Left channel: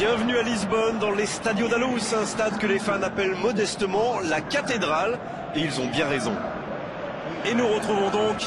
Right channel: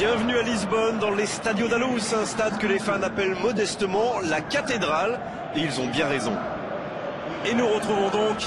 Bienvenue à Lisbonne, dans l'Estadio da Luz, un stade que les fans appellent modestement la cathédrale, et ils ont bien raison. Et nous retrouvons donc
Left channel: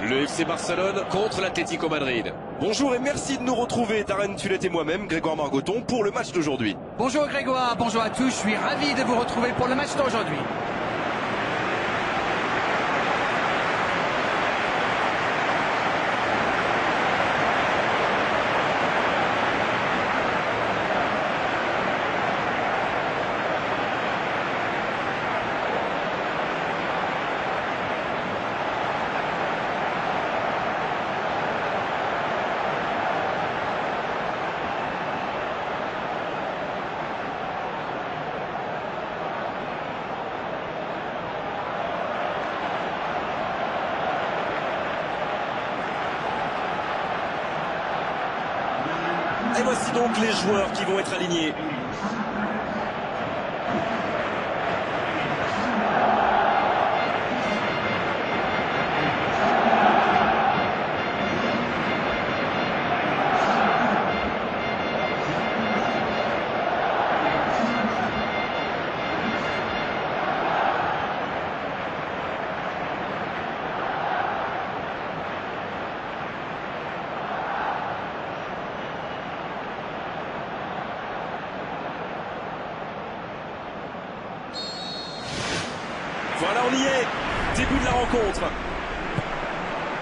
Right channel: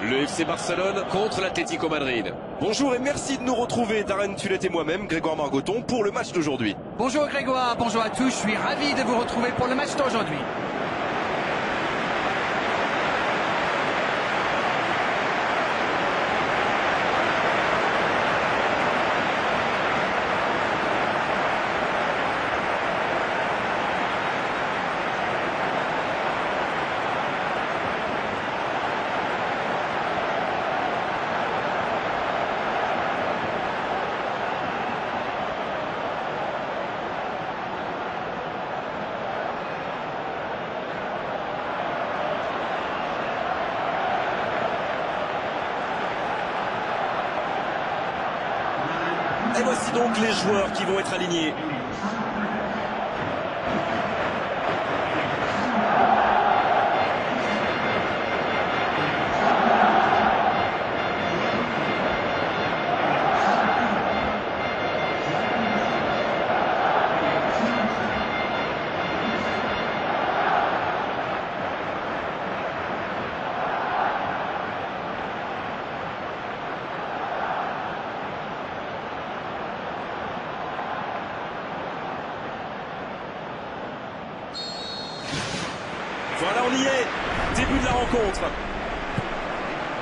le FC Barcelone contre l'Atlético Madrid. Bonjour et merci de nous retrouver, Darren Tullet et moi-même, Grégoire Margoton, pour le match d'aujourd'hui. Bonjour Grégoire, bonjour à tous, je suis ravi de vous retrouver pour le match d'aujourd'hui. Et voici donc les joueurs qui vont être alignés. Voilà, on y est. Début de la rencontre.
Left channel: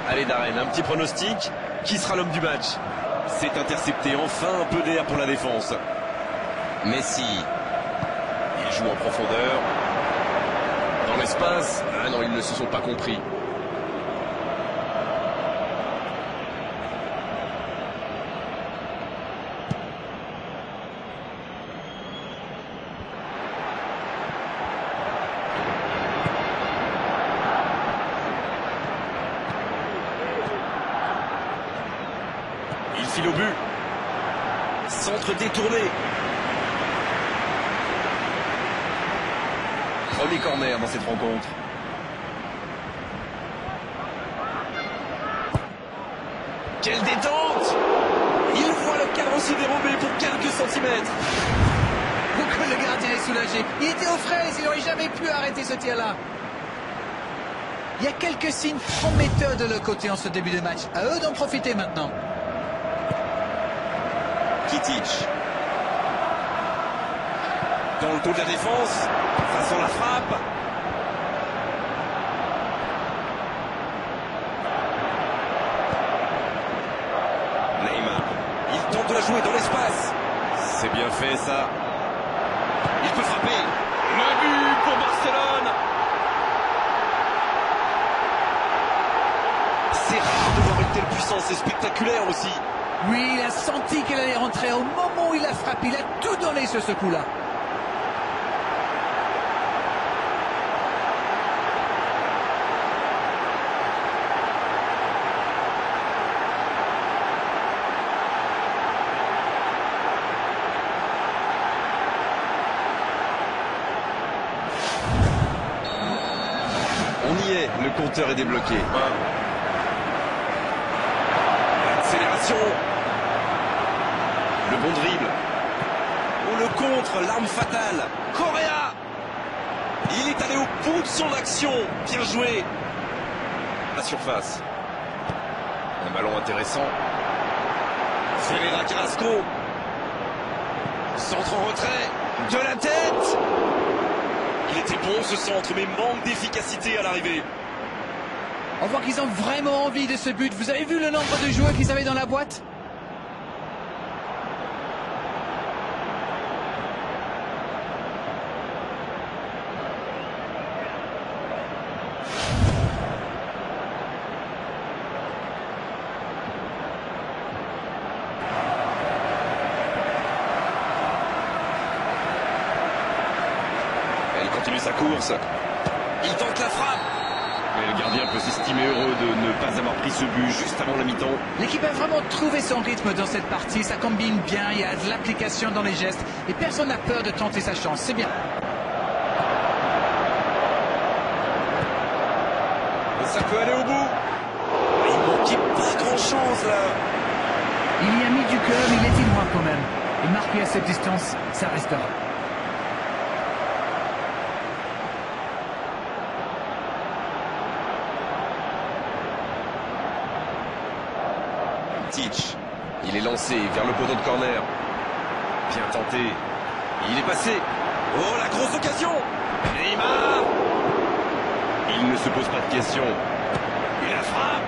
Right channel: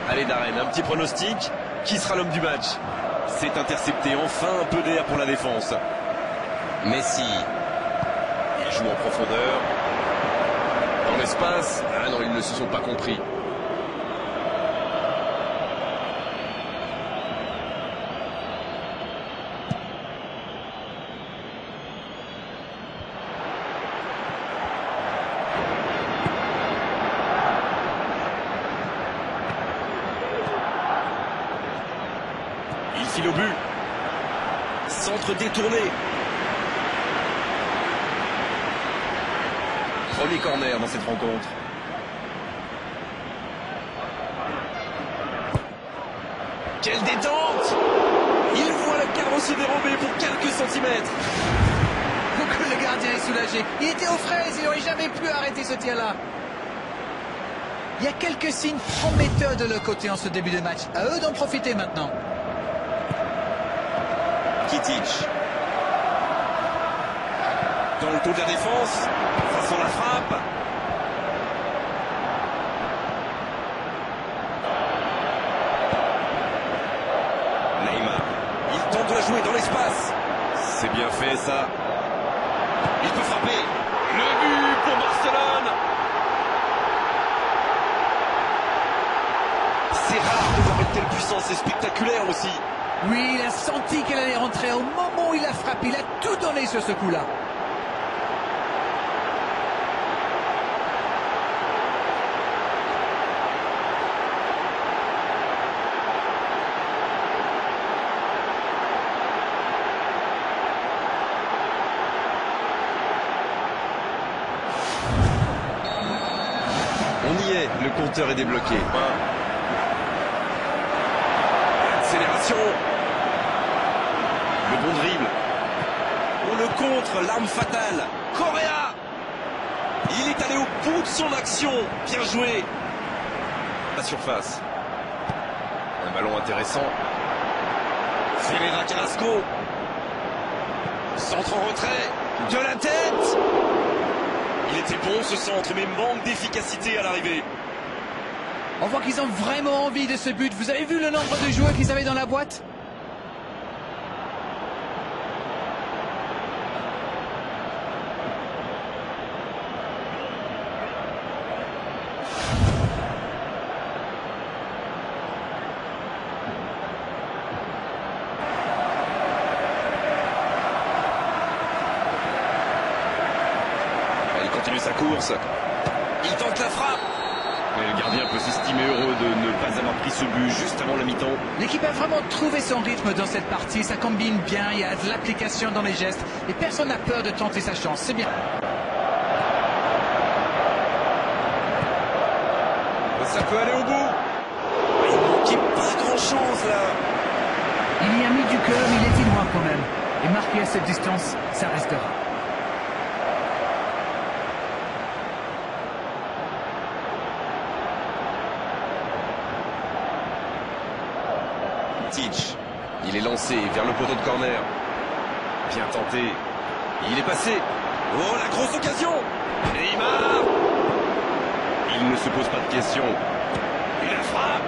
Allez Darren, un petit pronostic. Qui sera l'homme du match? C'est intercepté, enfin un peu d'air pour la défense. Messi. Il joue en profondeur. Dans l'espace. Ah non, ils ne se sont pas compris. Il file au but. Centre détourné. Premier corner dans cette rencontre. Quelle détente! Il voit le cadre se dérober pour quelques centimètres. Donc le gardien est soulagé. Il était aux fraises, il n'aurait jamais pu arrêter ce tir-là. Il y a quelques signes prometteurs de leur côté en ce début de match. À eux d'en profiter maintenant. Kitic. Dans le dos de la défense, façon la frappe. Neymar. Il tente de la jouer dans l'espace. C'est bien fait ça. Il peut frapper. Le but pour Barcelone. C'est rare de voir une telle puissance, c'est spectaculaire aussi. Oui, il a senti qu'elle allait rentrer au moment où il a frappé. Il a tout donné sur ce coup-là. On y est, le compteur est débloqué. L'accélération. Le bon dribble. On le contre, l'arme fatale. Correa. Il est allé au bout de son action. Bien joué. La surface. Un ballon intéressant. Ferreira Carrasco. Centre en retrait. De la tête. Il était bon ce centre, mais manque d'efficacité à l'arrivée. On voit qu'ils ont vraiment envie de ce but. Vous avez vu le nombre de joueurs qu'ils avaient dans la boîte? Elle continue sa course. Il tente la frappe. Mais le gardien peut s'estimer heureux de ne pas avoir pris ce but juste avant la mi-temps. L'équipe a vraiment trouvé son rythme dans cette partie. Ça combine bien, il y a de l'application dans les gestes. Et personne n'a peur de tenter sa chance. C'est bien. Ça peut aller au bout. Il manquait pas grand-chose là. Il y a mis du cœur, mais il était loin quand même. Et marqué à cette distance, ça restera. Titch, il est lancé vers le poteau de corner. Bien tenté. Il est passé. Oh, la grosse occasion. Neymar. Il ne se pose pas de questions. Il la frappe.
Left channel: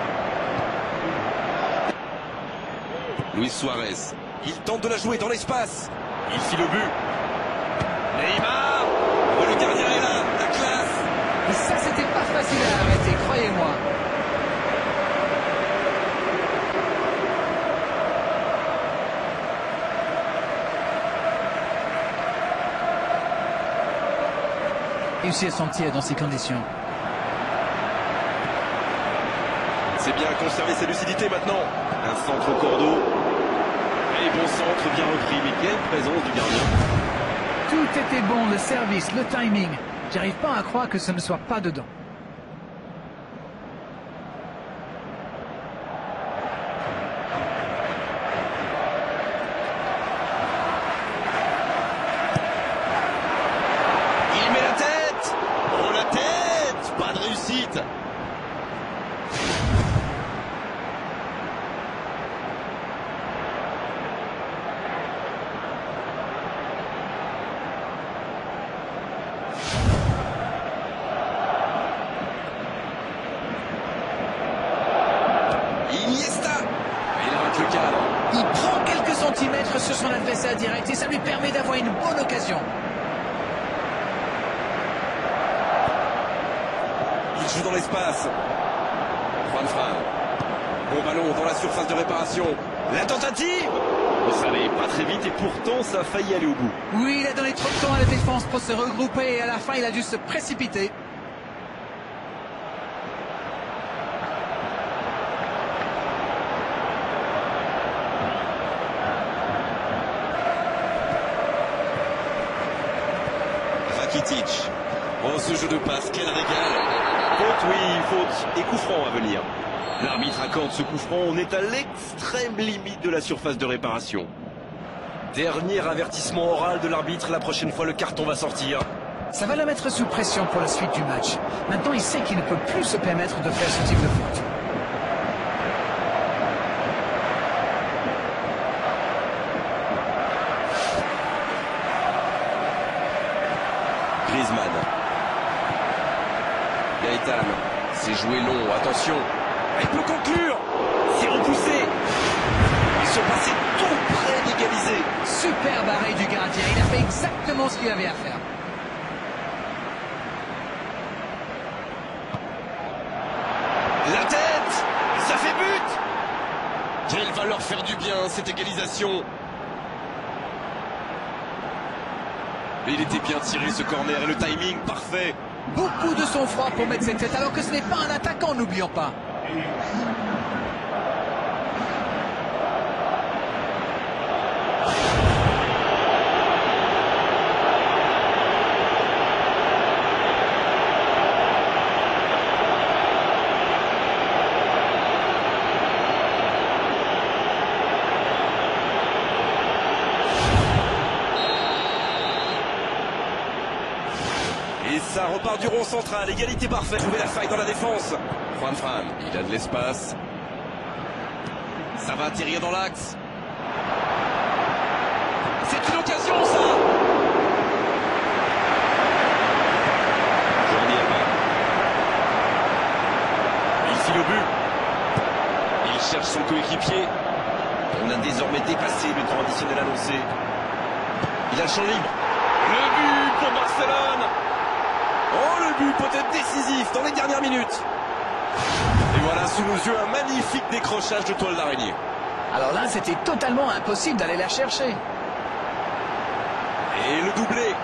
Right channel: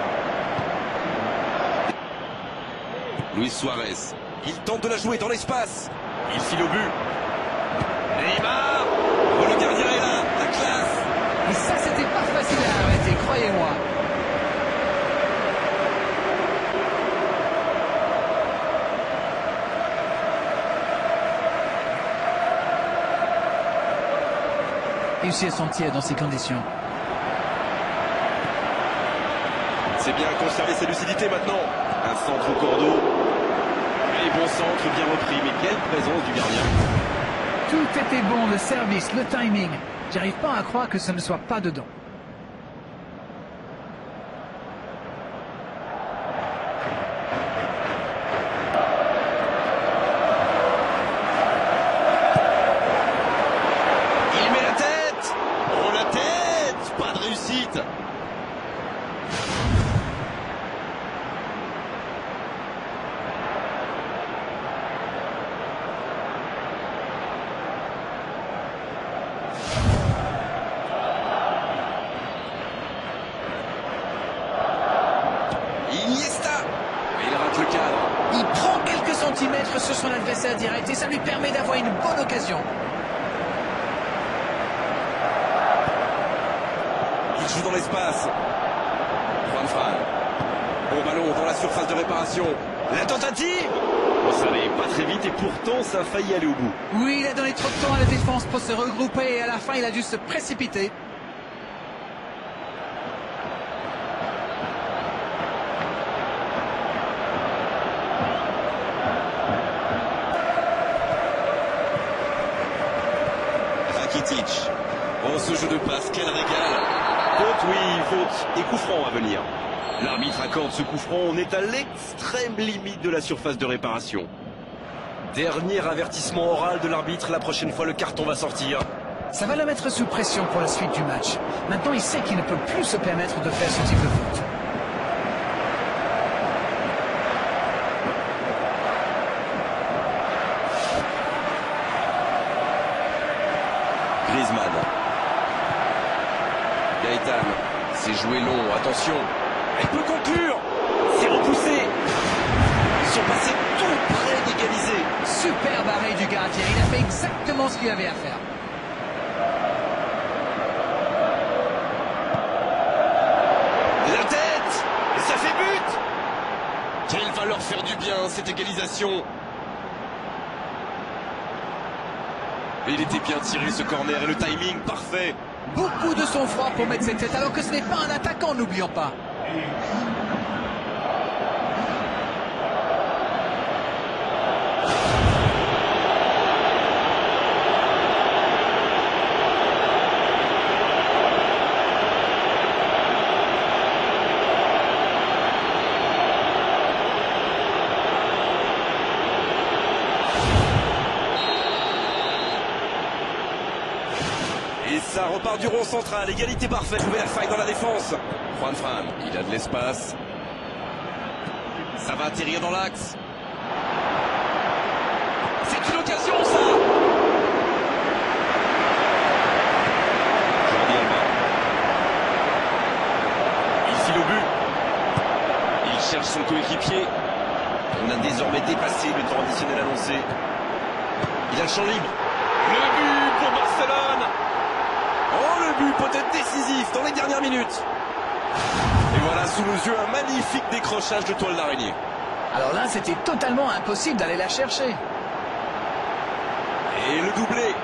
Luis Suarez. Il tente de la jouer dans l'espace. Il file au but. Neymar. Oh, le gardien est là. La classe. Et ça, c'était pas facile à arrêter, croyez-moi. Réussi à sentir dans ces conditions. C'est bien conserver sa lucidité maintenant. Un centre au cordeau. Et bon centre, bien repris. Mais quelle présence du gardien. Tout était bon, le service, le timing. J'arrive pas à croire que ce ne soit pas dedans. Il met la tête. Oh, la tête. Pas de réussite. Iniesta. Il rate le cadre. Il prend quelques centimètres sur son adversaire direct et ça lui permet d'avoir une bonne occasion. Il joue dans l'espace. Juan Fran. Bon ballon dans la surface de réparation. La tentative. Oh, ça allait pas très vite et pourtant ça a failli aller au bout. Oui, il a donné trop de temps à la défense pour se regrouper et à la fin il a dû se précipiter. Rakitic. Oh, ce jeu de passe, quel régal. Faute, oui, faute. Et coup franc à venir. L'arbitre accorde ce coup franc. On est à l'extrême limite de la surface de réparation. Dernier avertissement oral de l'arbitre. La prochaine fois, le carton va sortir. Ça va le mettre sous pression pour la suite du match. Maintenant, il sait qu'il ne peut plus se permettre de faire ce type de faute. Griezmann. Gaëtan. C'est joué long, attention. Il peut conclure. C'est repoussé. Ils sont passés tout près d'égaliser. Superbe arrêt du gardien. Il a fait exactement ce qu'il avait à faire. La tête. Et ça fait but. Quelle va leur faire du bien cette égalisation. Et il était bien tiré ce corner et le timing parfait. Beaucoup de sang-froid pour mettre cette tête alors que ce n'est pas un attaquant, n'oublions pas. Et ça repart du rond central, égalité parfaite, trouver la faille dans la défense. Juan Fran, il a de l'espace. Ça va atterrir dans l'axe. C'est une occasion ça. Jordi Alba. Il file au but. Il cherche son coéquipier. On a désormais dépassé le temps additionnel annoncé. Il a le champ libre. Le but pour Barcelone. Oh, le but peut être décisif dans les dernières minutes. Et voilà sous nos yeux un magnifique décrochage de toile d'araignée. Alors là, c'était totalement impossible d'aller la chercher. Et le doublé.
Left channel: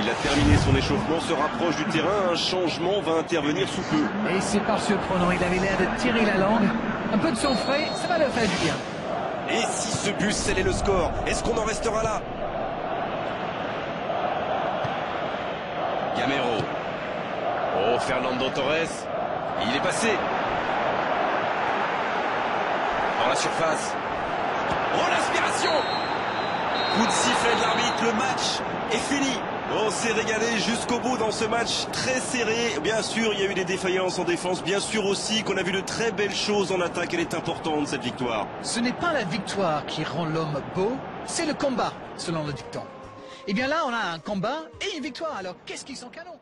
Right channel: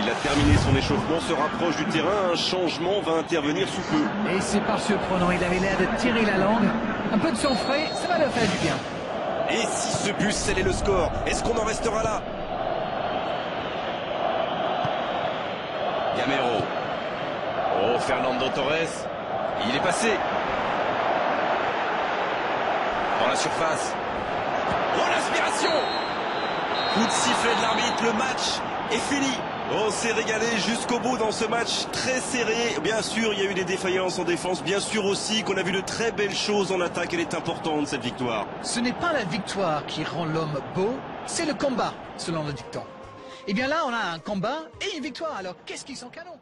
Il a terminé son échauffement, se rapproche du terrain, un changement va intervenir sous peu. Et c'est pas surprenant, il avait l'air de tirer la langue. Un peu de sang frais, ça va le faire du bien. Et si ce but scellait le score, est-ce qu'on en restera là? Gamero. Oh, Fernando Torres. Il est passé. Dans la surface. Oh, l'inspiration! Coup de sifflet de l'arbitre, le match est fini. On s'est régalé jusqu'au bout dans ce match très serré. Bien sûr, il y a eu des défaillances en défense. Bien sûr aussi qu'on a vu de très belles choses en attaque. Elle est importante, cette victoire. Ce n'est pas la victoire qui rend l'homme beau, c'est le combat, selon le dicton. Et bien là, on a un combat et une victoire. Alors, qu'est-ce qu'ils sont canons?